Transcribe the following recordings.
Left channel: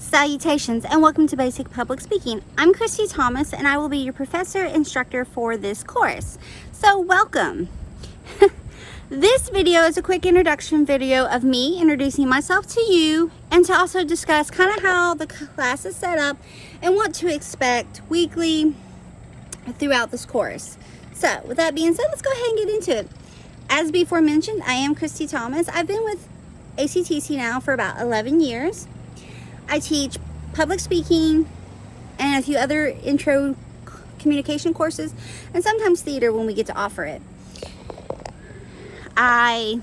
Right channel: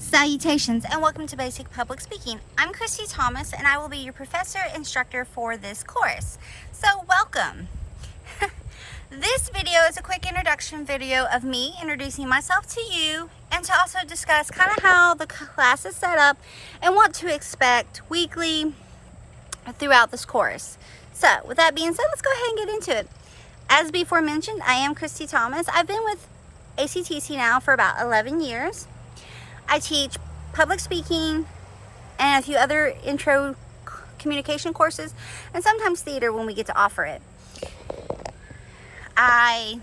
Salutations and welcome to Basic Public Speaking. I'm Christy Thomas and I will be your professor instructor for this course. So welcome. This video is a quick introduction video of me introducing myself to you and to also discuss kind of how the class is set up and what to expect weekly throughout this course. So with that being said, let's go ahead and get into it. As before mentioned, I am Christy Thomas. I've been with ACTC now for about 11 years. I teach public speaking and a few other intro communication courses and sometimes theater when we get to offer it. I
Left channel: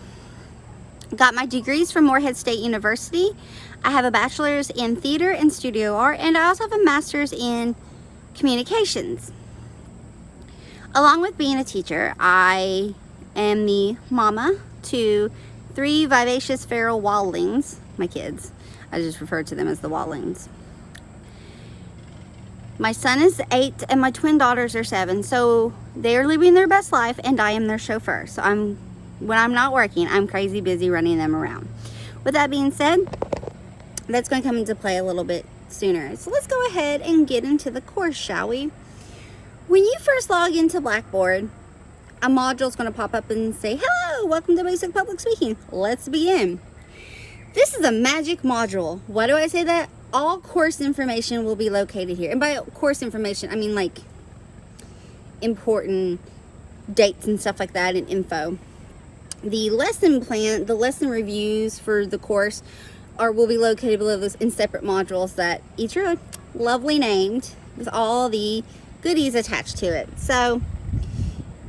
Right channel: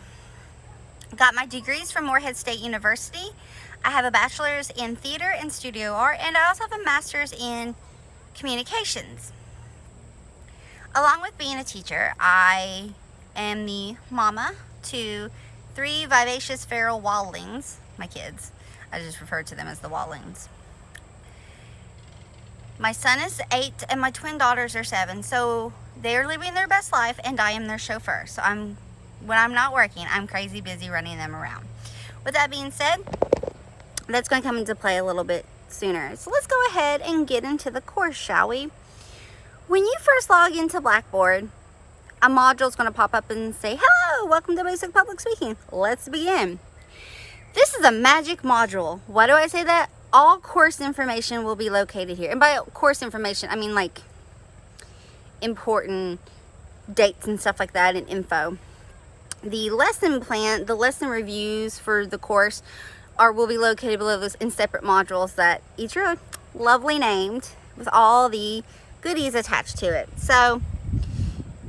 got my degrees from Morehead State University. I have a bachelor's in theater and studio art, and I also have a master's in communications. Along with being a teacher, I am the mama to 3 vivacious feral wildlings, my kids. I just refer to them as the wildlings. My son is 8 and my twin daughters are 7, so they are living their best life and I am their chauffeur. So when I'm not working, I'm crazy busy running them around. With that being said, that's going to come into play a little bit sooner. So let's go ahead and get into the course, shall we? When you first log into Blackboard, a module is going to pop up and say, "Hello, welcome to Basic Public Speaking. Let's begin." This is a magic module. Why do I say that? All course information will be located here. And by course information, I mean like important dates and stuff like that and info. The lesson plan, the lesson reviews for the course will be located below this in separate modules that each are lovely named with all the goodies attached to it. So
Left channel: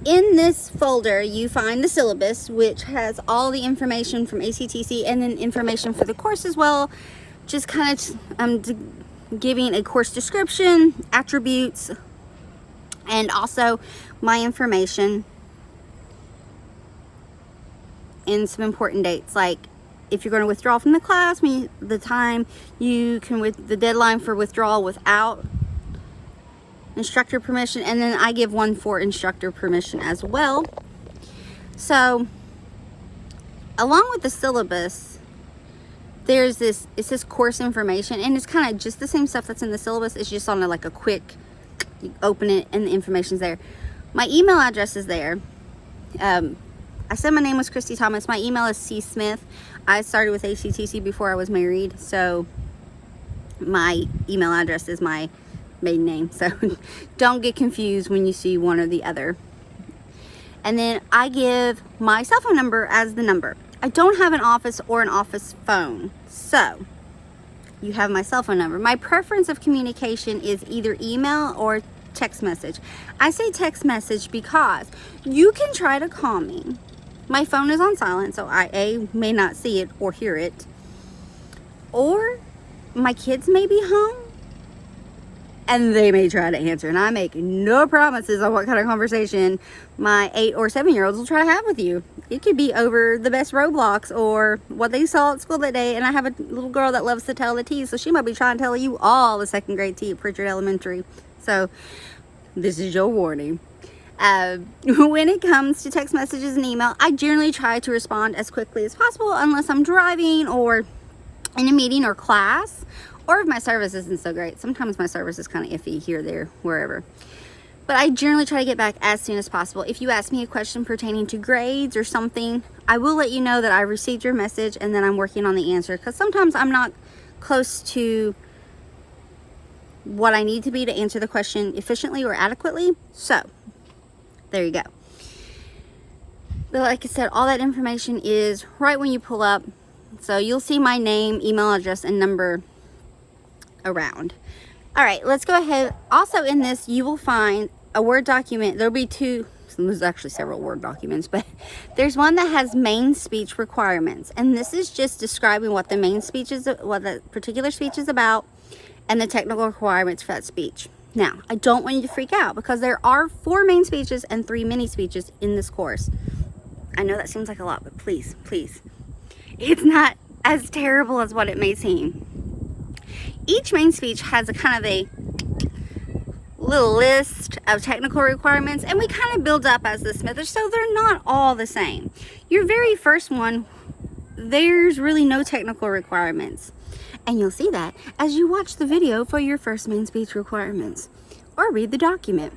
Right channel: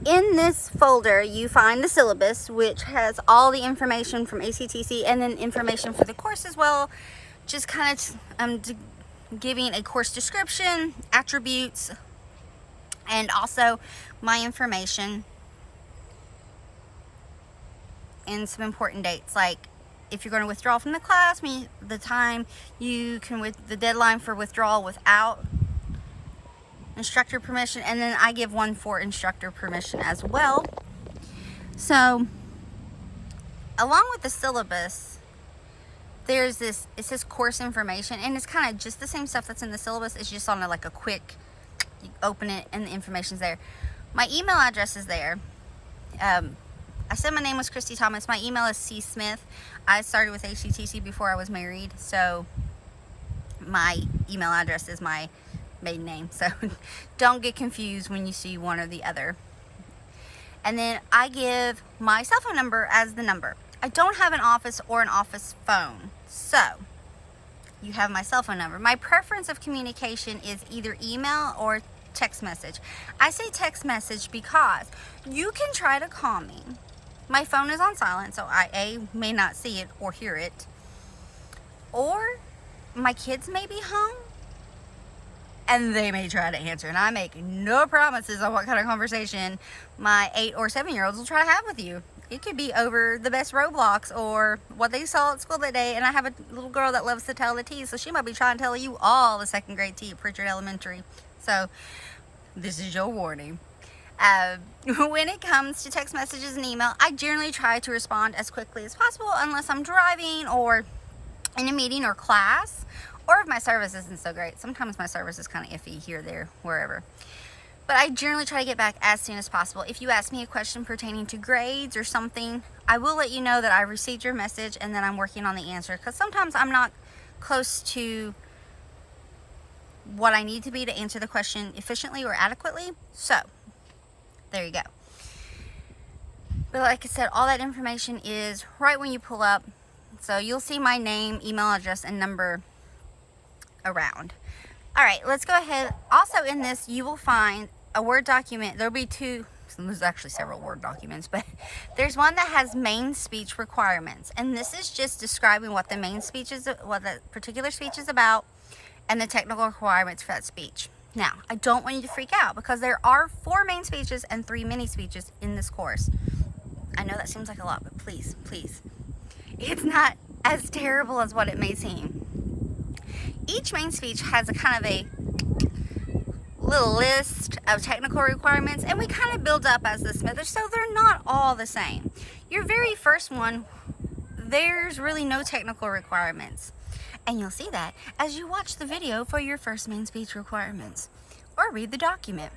in this folder, you find the syllabus, which has all the information from ACTC and then information for the course as well. Just kind of giving a course description, attributes, and also my information and some important dates, like if you're going to withdraw from the class, the time you can, with the deadline for withdrawal without instructor permission, and then I give one for instructor permission as well. So along with the syllabus, there's this, it says course information, and it's kind of just the same stuff that's in the syllabus. It's just on like a quick, you open it and the information's there. My email address is there. I said my name was Christy Thomas. My email is csmith. I started with ACTC before I was married, so my email address is my maiden name, so don't get confused when you see one or the other. And then I give my cell phone number as the number. I don't have an office or an office phone, so you have my cell phone number. My preference of communication is either email or text message. I say text message because you can try to call me. My phone is on silent, so I may not see it or hear it, or my kids may be home and they may try to answer, and I make no promises on what kind of conversation my 8 or 7-year-olds will try to have with you. It could be over the best Roblox or what they saw at school that day, and I have a little girl that loves to tell the tea, so she might be trying to tell you all the 2nd grade tea at Pritchard Elementary. So this is your warning. When it comes to text messages and email, I generally try to respond as quickly as possible unless I'm driving or in a meeting or class, or if my service isn't so great. Sometimes my service is kind of iffy here, there, wherever. But I generally try to get back as soon as possible. If you ask me a question pertaining to grades or something, I will let you know that I received your message and then I'm working on the answer, because sometimes I'm not close to what I need to be to answer the question efficiently or adequately. So there you go. But like I said, all that information is right when you pull up. So you'll see my name, email address, and number around. All right, let's go ahead. Also in this, you will find a Word document. There'll be two, so there's actually several Word documents, but there's one that has main speech requirements. And this is just describing what the main speech is, what the particular speech is about, and the technical requirements for that speech. Now, I don't want you to freak out because there are 4 main speeches and 3 mini speeches in this course. I know that seems like a lot, but please, please, it's not as terrible as what it may seem. Each main speech has a kind of a little list of technical requirements, and we kind of build up as the Smithers, so they're not all the same. Your very first one there's really no technical requirements. And you'll see that as you watch the video for your first main speech requirements or read the document.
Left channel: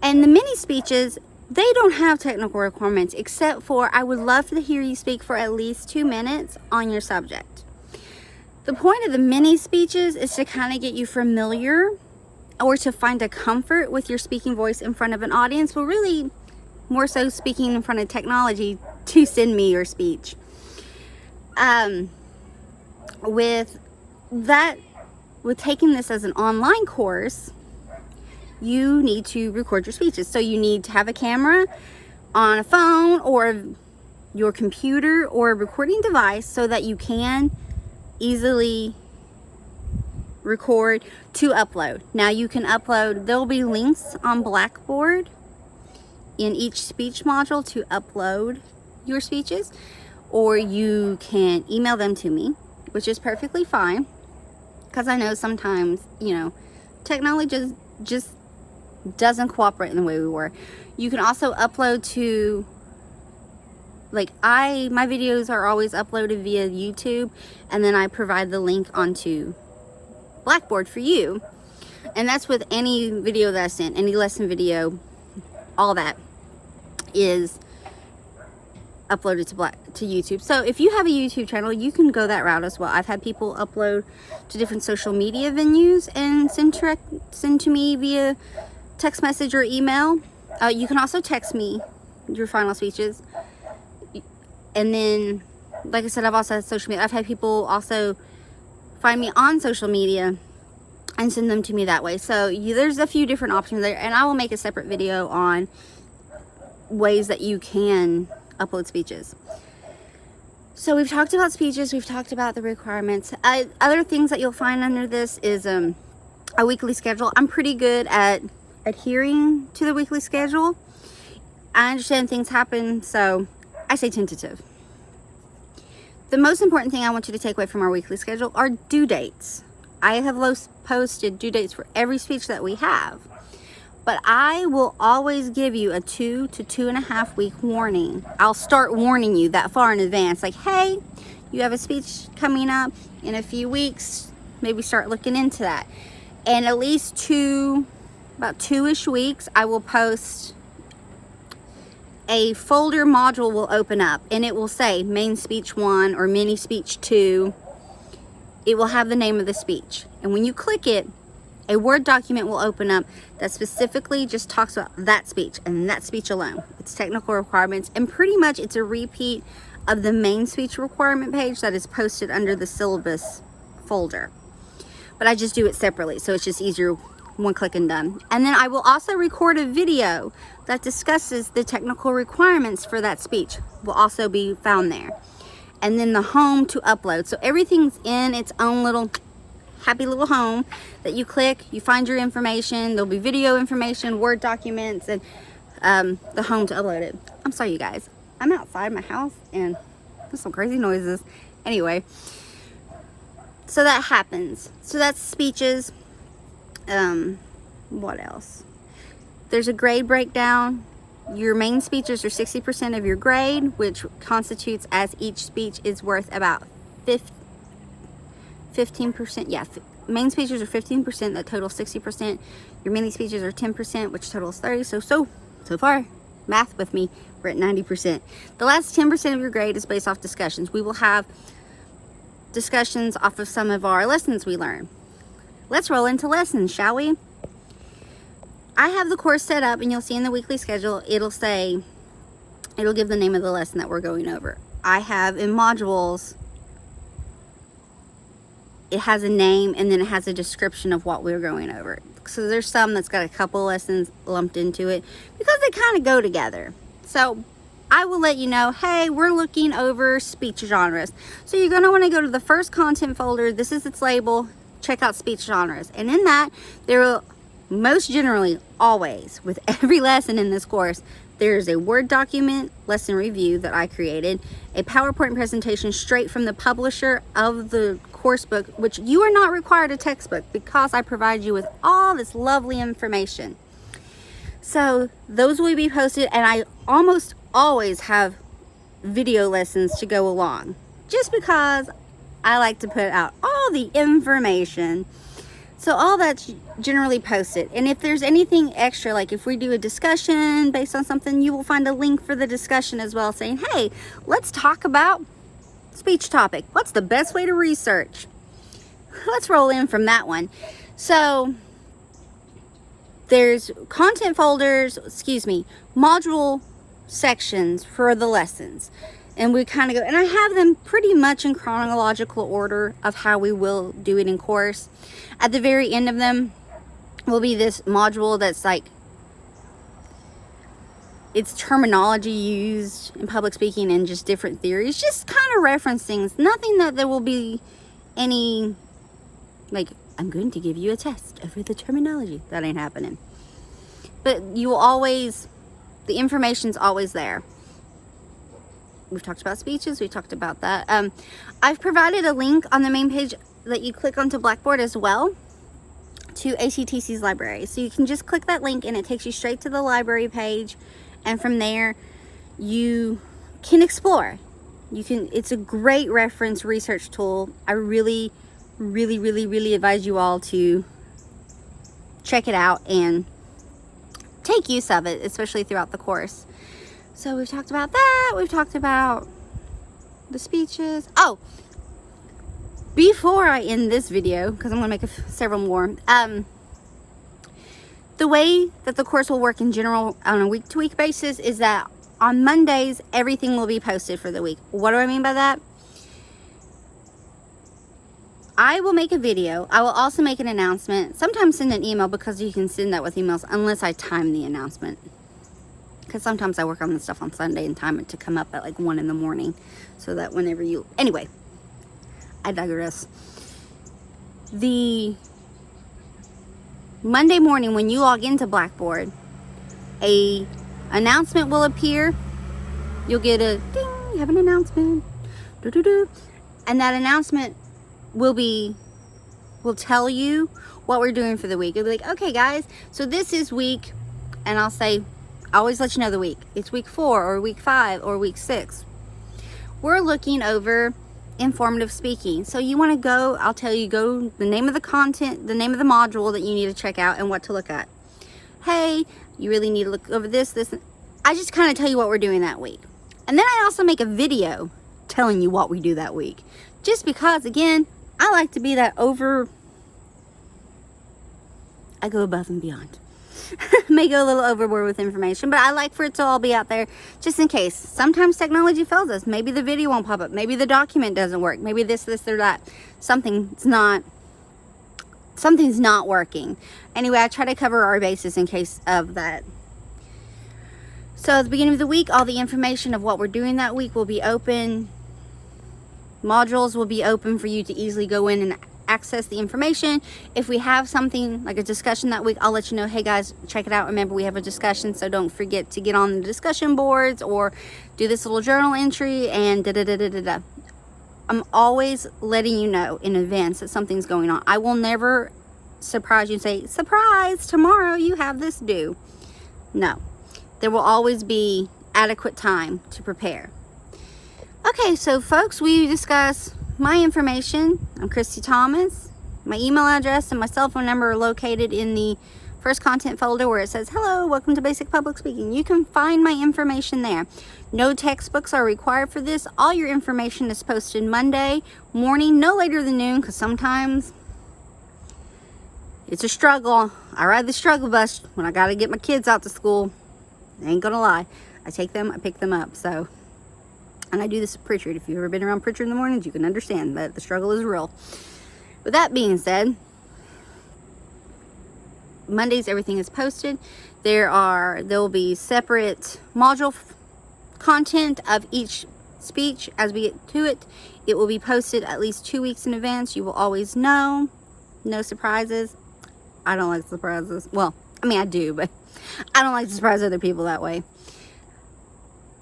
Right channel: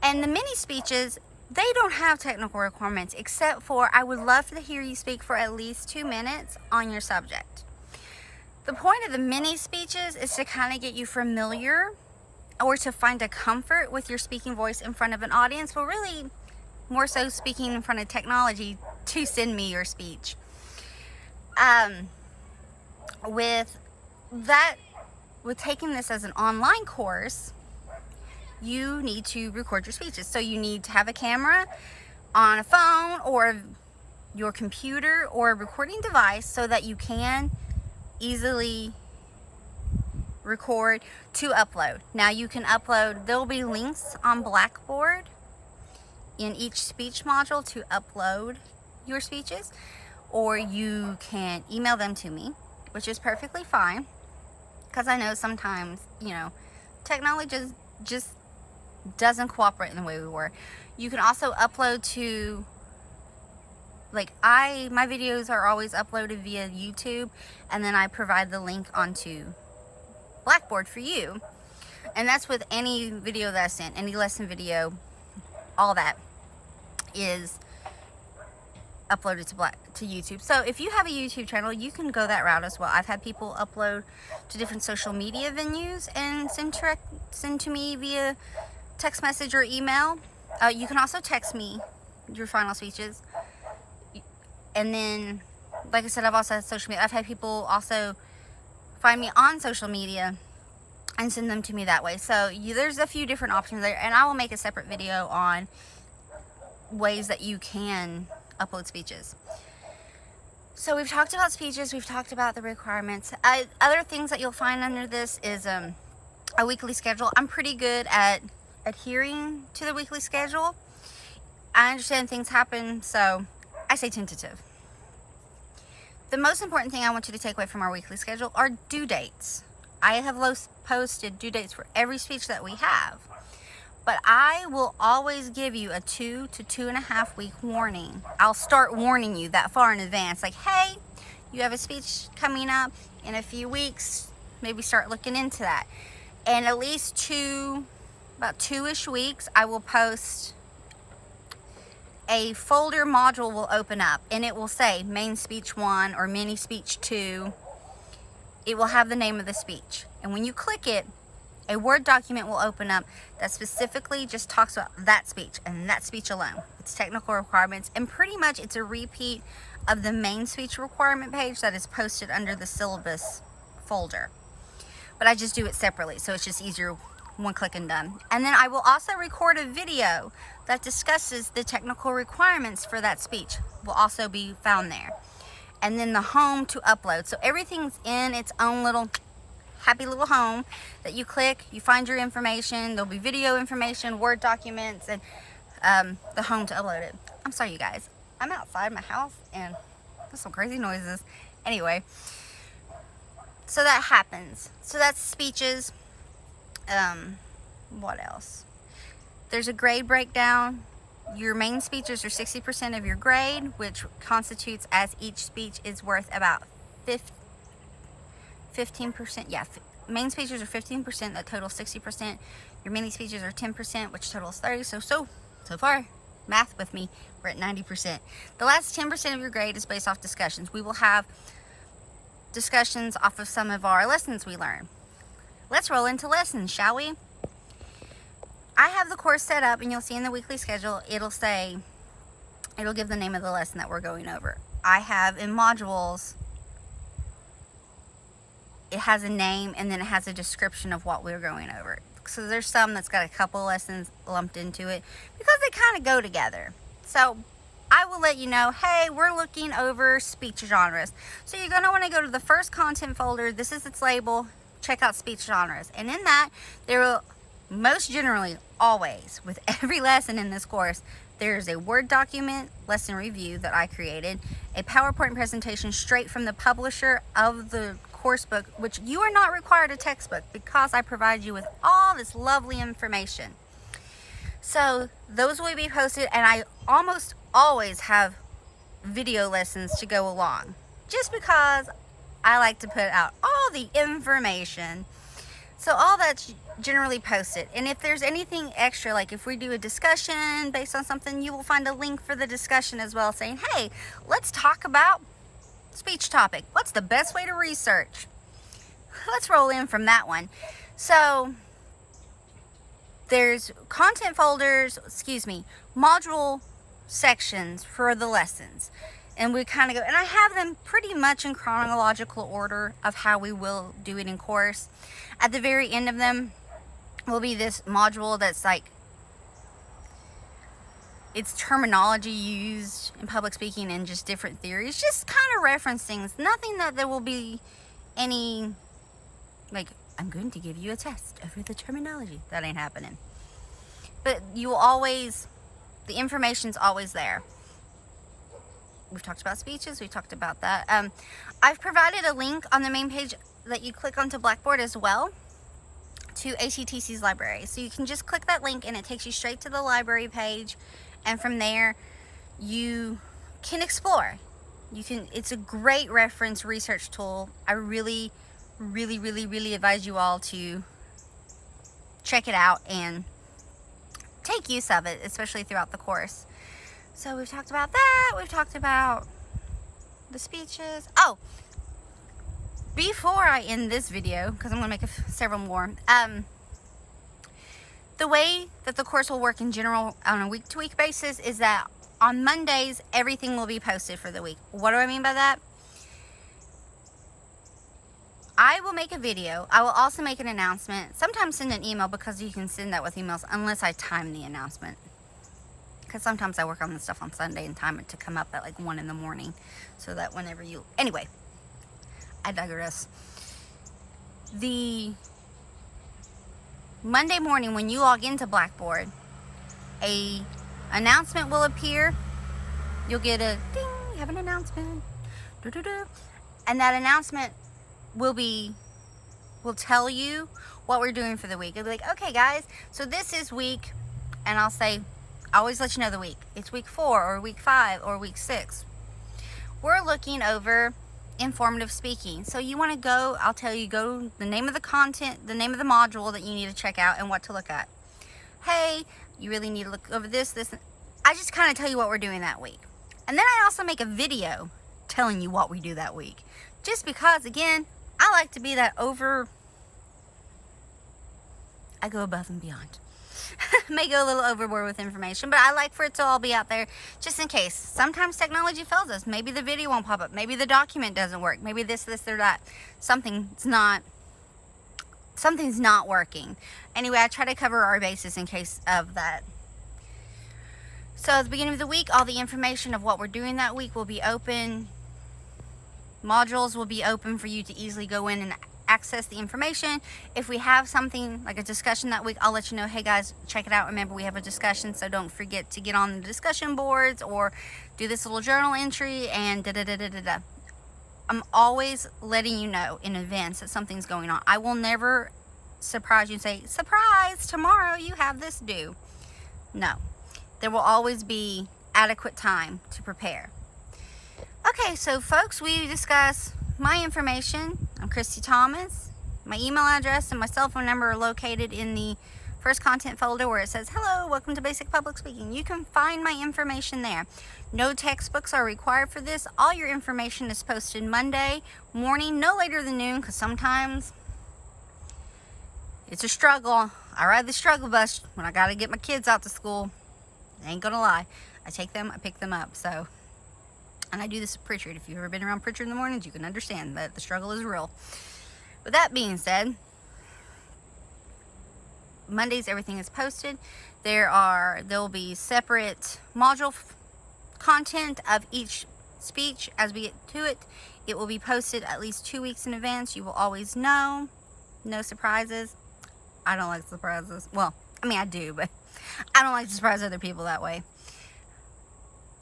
And the mini speeches, they don't have technical requirements except for I would love to hear you speak for at least 2 minutes on your subject. The point of the mini speeches is to kind of get you familiar or to find a comfort with your speaking voice in front of an audience, but really more so speaking in front of technology to send me your speech. With taking this as an online course, you need to record your speeches. So you need to have a camera on a phone or your computer or a recording device so that you can easily record to upload. Now you can upload, there'll be links on Blackboard in each speech module to upload your speeches, or you can email them to me, which is perfectly fine, because I know sometimes, you know, technology just doesn't cooperate in the way we were. You can also upload to, like, my videos are always uploaded via YouTube, and then I provide the link onto Blackboard for you. And that's with any video that I sent, any lesson video, all that is uploaded to YouTube. So if you have a YouTube channel, you can go that route as well. I've had people upload to different social media venues and send to me via text message or email. You can also text me your final speeches. And then, like I said, I've also had social media. I've had people also find me on social media and send them to me that way. So there's a few different options there, and I will make a separate video on ways that you can upload speeches. So we've talked about speeches, we've talked about the requirements. Other things that you'll find under this is a weekly schedule. I'm pretty good at adhering to the weekly schedule. I understand things happen, so I say tentative. The most important thing I want you to take away from our weekly schedule are due dates. I have posted due dates for every speech that we have, but I will always give you a 2 to 2.5 week warning. I'll start warning you that far in advance, like, hey, you have a speech coming up in a few weeks, maybe start looking into that. And at least about 2-ish weeks, I will post a folder module will open up, and it will say main speech 1 or mini speech 2. It will have the name of the speech. And when you click it, a Word document will open up that specifically just talks about that speech and that speech alone. It's technical requirements, and pretty much it's a repeat of the main speech requirement page that is posted under the syllabus folder. But I just do it separately, so it's just easier, one click and done. And then I will also record a video that discusses the technical requirements for that speech. Will also be found there. And then the home to upload. So everything's in its own little happy little home that you click, you find your information. There'll be video information, Word documents, and the home to upload it. I'm sorry, you guys. I'm outside my house and there's some crazy noises. Anyway, so that happens. So that's speeches. What else? There's a grade breakdown. Your main speeches are 60% of your grade, which constitutes as each speech is worth about 15%. Yeah, main speeches are 15%, that totals 60%. Your mini speeches are 10%, which totals 30. So far, math with me, we're at 90%. The last 10% of your grade is based off discussions. We will have discussions off of some of our lessons we learn. Let's roll into lessons, shall we? I have the course set up, and you'll see in the weekly schedule, it'll give the name of the lesson that we're going over. I have in modules, it has a name, and then it has a description of what we're going over. So there's some that's got a couple lessons lumped into it because they kind of go together. So I will let you know, hey, we're looking over speech genres. So you're going to want to go to the first content folder. This is its label. Check out speech genres. And in that, there will most generally, always, with every lesson in this course, there's a Word document, lesson review that I created, a PowerPoint presentation straight from the publisher of the course book, which you are not required a textbook because I provide you with all this lovely information. So those will be posted, and I almost always have video lessons to go along, just because I like to put out all the information. So all that's generally posted. And if there's anything extra, like if we do a discussion based on something, you will find a link for the discussion as well, saying, hey, let's talk about speech topic. What's the best way to research? Let's roll in from that one. So there's content folders, module sections for the lessons. And we kind of go, and I have them pretty much in chronological order of how we will do it in course. At the very end of them will be this module that's like, it's terminology used in public speaking and just different theories, just kind of reference things. Nothing that there will be any, like, I'm going to give you a test over the terminology. That ain't happening. But you will always, the information's always there. We've talked about speeches. We talked about that. I've provided a link on the main page that you click onto Blackboard as well to ACTC's library. So you can just click that link and it takes you straight to the library page. And from there, you can explore. It's a great reference research tool. I really advise you all to check it out and take use of it, especially throughout the course. So we've talked about that. We've talked about the speeches. Oh, before I end this video, because I'm going to make several more, the way that the course will work in general on a week-to-week basis is that on Mondays, everything will be posted for the week. What do I mean by that? I will make a video. I will also make an announcement. Sometimes send an email, because you can send that with emails unless I time the announcement. Because sometimes I work on this stuff on Sunday and time it to come up at like 1 in the morning. So that whenever you... Anyway, I digress. The Monday morning when you log into Blackboard, a announcement will appear. You'll get a ding, you have an announcement. Doo-doo-doo. And that announcement will tell you what we're doing for the week. It'll be like, okay guys, so this is week, and I'll say, I always let you know the week. It's week 4 or week 5 or week 6. We're looking over informative speaking. So you want to go, I'll tell you, go the name of the content, the name of the module that you need to check out and what to look at. Hey, you really need to look over this. I just kind of tell you what we're doing that week. And then I also make a video telling you what we do that week. Just because, again, I like to be I go above and beyond. May go a little overboard with information, but I like for it to all be out there just in case. Sometimes technology fails us. Maybe the video won't pop up. Maybe the document doesn't work. Maybe this, or that. Something's not working. Anyway, I try to cover our bases in case of that. So at the beginning of the week, all the information of what we're doing that week will be open. Modules will be open for you to easily go in and access the information. If we have something like a discussion that week, I'll let you know, hey guys, check it out. Remember, we have a discussion, so don't forget to get on the discussion boards or do this little journal entry and da-da-da-da-da-da. I'm always letting you know in advance that something's going on. I will never surprise you and say, surprise, tomorrow you have this due. No, there will always be adequate time to prepare. Okay, so folks, we discuss my information. I'm Christy Thomas. My email address and my cell phone number are located in the first content folder where it says, hello, welcome to Basic Public Speaking. You can find my information there. No textbooks are required for this. All your information is posted Monday morning, no later than noon, because sometimes it's a struggle. I ride the struggle bus when I got to get my kids out to school. I ain't gonna lie. I take them, I pick them up, so... And I do this with Pritchard. If you've ever been around Pritchard in the mornings, you can understand that the struggle is real. With that being said, Mondays, everything is posted. There will be separate module content of each speech. As we get to it, it will be posted at least 2 weeks in advance. You will always know. No surprises. I don't like surprises. Well, I mean, I do, but I don't like to surprise other people that way.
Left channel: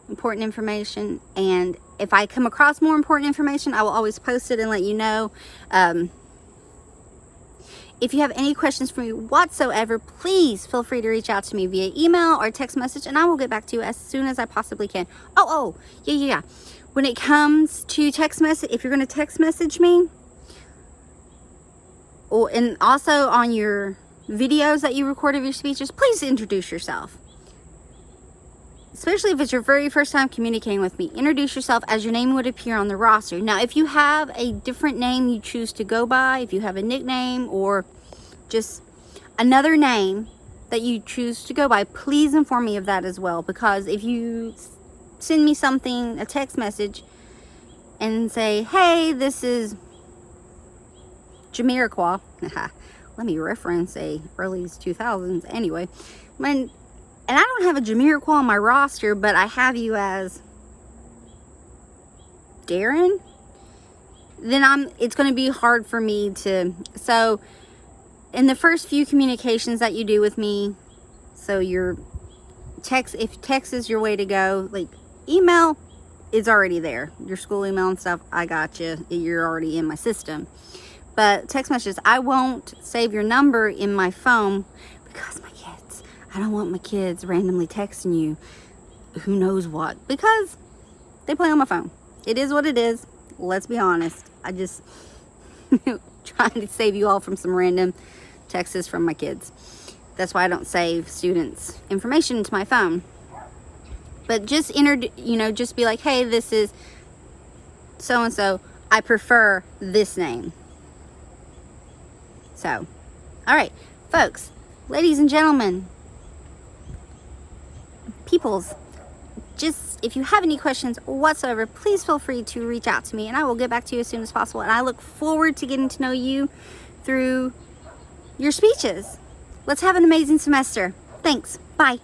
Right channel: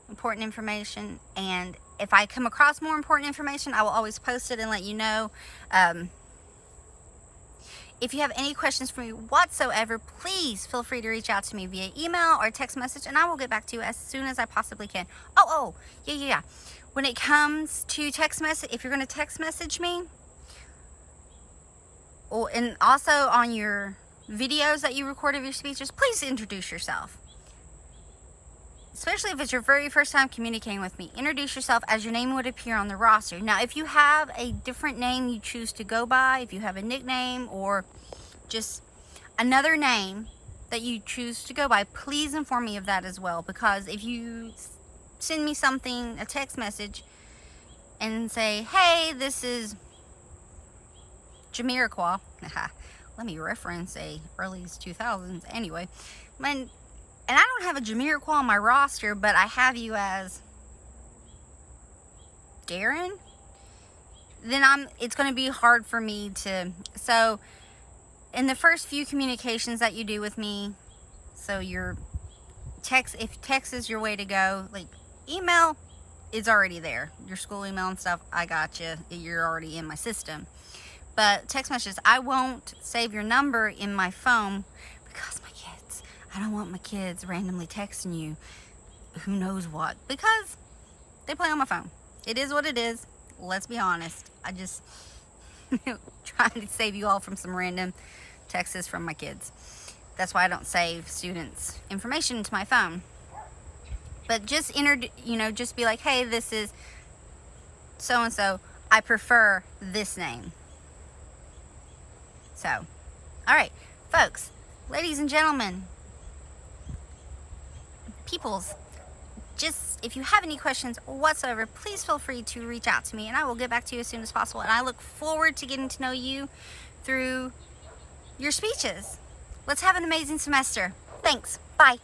Important information, and if I come across more important information, I will always post it and let you know. If you have any questions for me whatsoever, please feel free to reach out to me via email or text message, and I will get back to you as soon as I possibly can. Yeah. When it comes to text message, if you're going to text message me, and also on your videos that you record of your speeches, please introduce yourself. Especially if it's your very first time communicating with me, introduce yourself as your name would appear on the roster. Now, if you have a different name you choose to go by, if you have a nickname or just another name that you choose to go by, please inform me of that as well. Because if you send me something, a text message, and say, hey, this is Jamiroquai, let me reference a early 2000s anyway, and I don't have a Jamiroquai on my roster, but I have you as Darren, then it's going to be hard for me to, so in the first few communications that you do with me, so your text, if text is your way to go, like email is already there, your school email and stuff, I got you, you're already in my system. But text messages, I won't save your number in my phone because I don't want my kids randomly texting you who knows what, because they play on my phone. It is what it is. Let's be honest. I just trying to save you all from some random texts from my kids. That's why I don't save students' information into my phone. But just just be like, hey, this is so and so. I prefer this name. So, all right, folks, ladies and gentlemen, peoples, just if you have any questions whatsoever, please feel free to reach out to me, and I will get back to you as soon as possible. And I look forward to getting to know you through your speeches. Let's have an amazing semester. Thanks. Bye.